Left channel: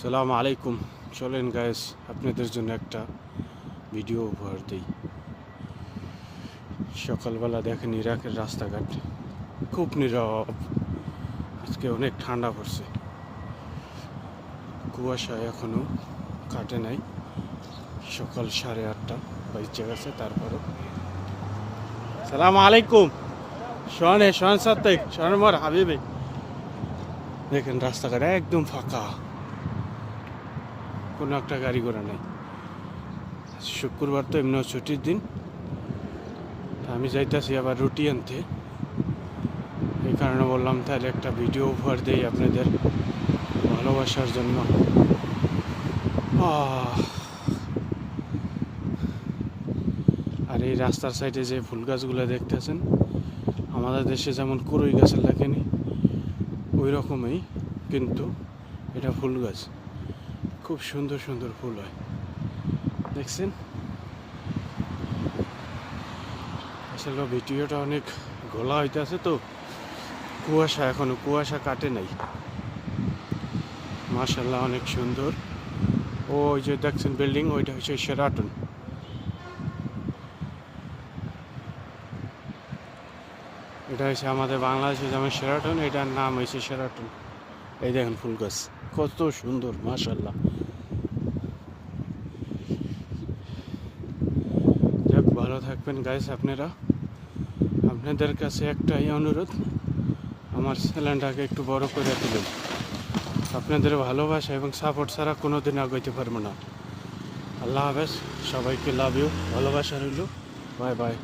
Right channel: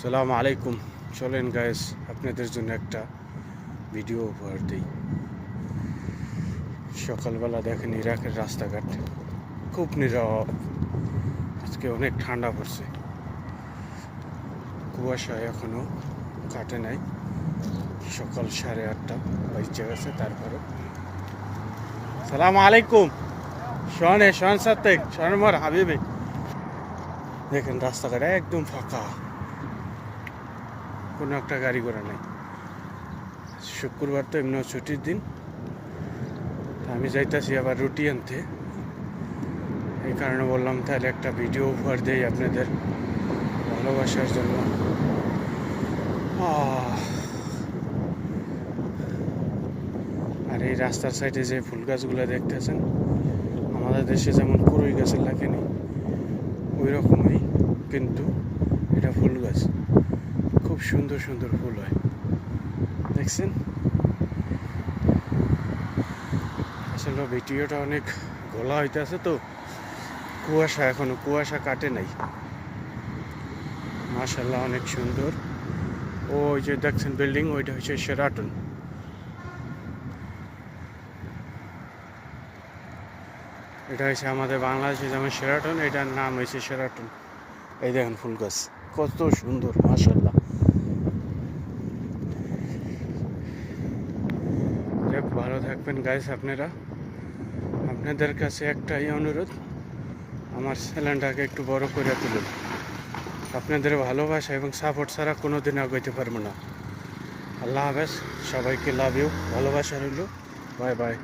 আসসালামু আলাইকুম। চলেন গাইস, আপনাদের জন্য একটা ভিডিও উপহার দিই। সকালবেলা দেখেন ইরাকের রাস্তাঘাট খুব নীরব। আজকে অনেক ঠান্ডা পড়ছে, কুয়াশা এখনো কাটে নাই। সকাল 8:30 বাজে গেছে, তারপরও সালাম আলাইকুম। শোন সাথে শোন মোর হাবিবে, দেখেন রাস্তাঘাট একদম ফাঁকা, কোনো একটা গাড়ি ঘোড়া নেই। শুক্রবার তো এমনিও ছুটির দিন। আমি যাইতেছি আবার রুটি আনতে, এই কারণে বললাম তাহলে একটা ভিডিও উপহার দেই আপনাদের ভালোবাসার জন্য। আর এই রাস্তার সাইডে যে ফুল গাছগুলো দেখতেছেন, আমাদের দেশে যেমন কুড়ুই গাছের লাগেনি ওই রকমই, কিন্তু এটা ফুল গাছ, খুব সুন্দর সুন্দর ফুল হয়, দেখছেন। আসলে ভিডিওটা অনেক ঘোলা হইতেছে তো, কুয়াশা এখনো কুয়াশা কাটে নাই। মাশাআল্লাহ অনেক সুন্দর। ওই যে দেখছেন বিল্ডিং, ওইটা হচ্ছে শেরাটন। এটা হচ্ছে আমাদের বাংলাদেশে যেমন শেরাটন, এটার নাম হয়েছে শেরাটন। এই দেখেন ফুল গাছ কত সুন্দর, মাশাআল্লাহ। যাক, ভালো থাকবেন গাইস আপনারা। আপনাদের কাছে একটাই অনুরোধ, আমার চ্যানেলটাকে একটু বড় করে তুলুন। আপনাদের ভালোবাসা এবং সাপোর্ট ছাড়া কোনোদিন আগাইতে পারবো না। আল্লাহ হাফেজ, সবাইকে লাভ ইউ, ভালোবাসা রইল, বাই বাই।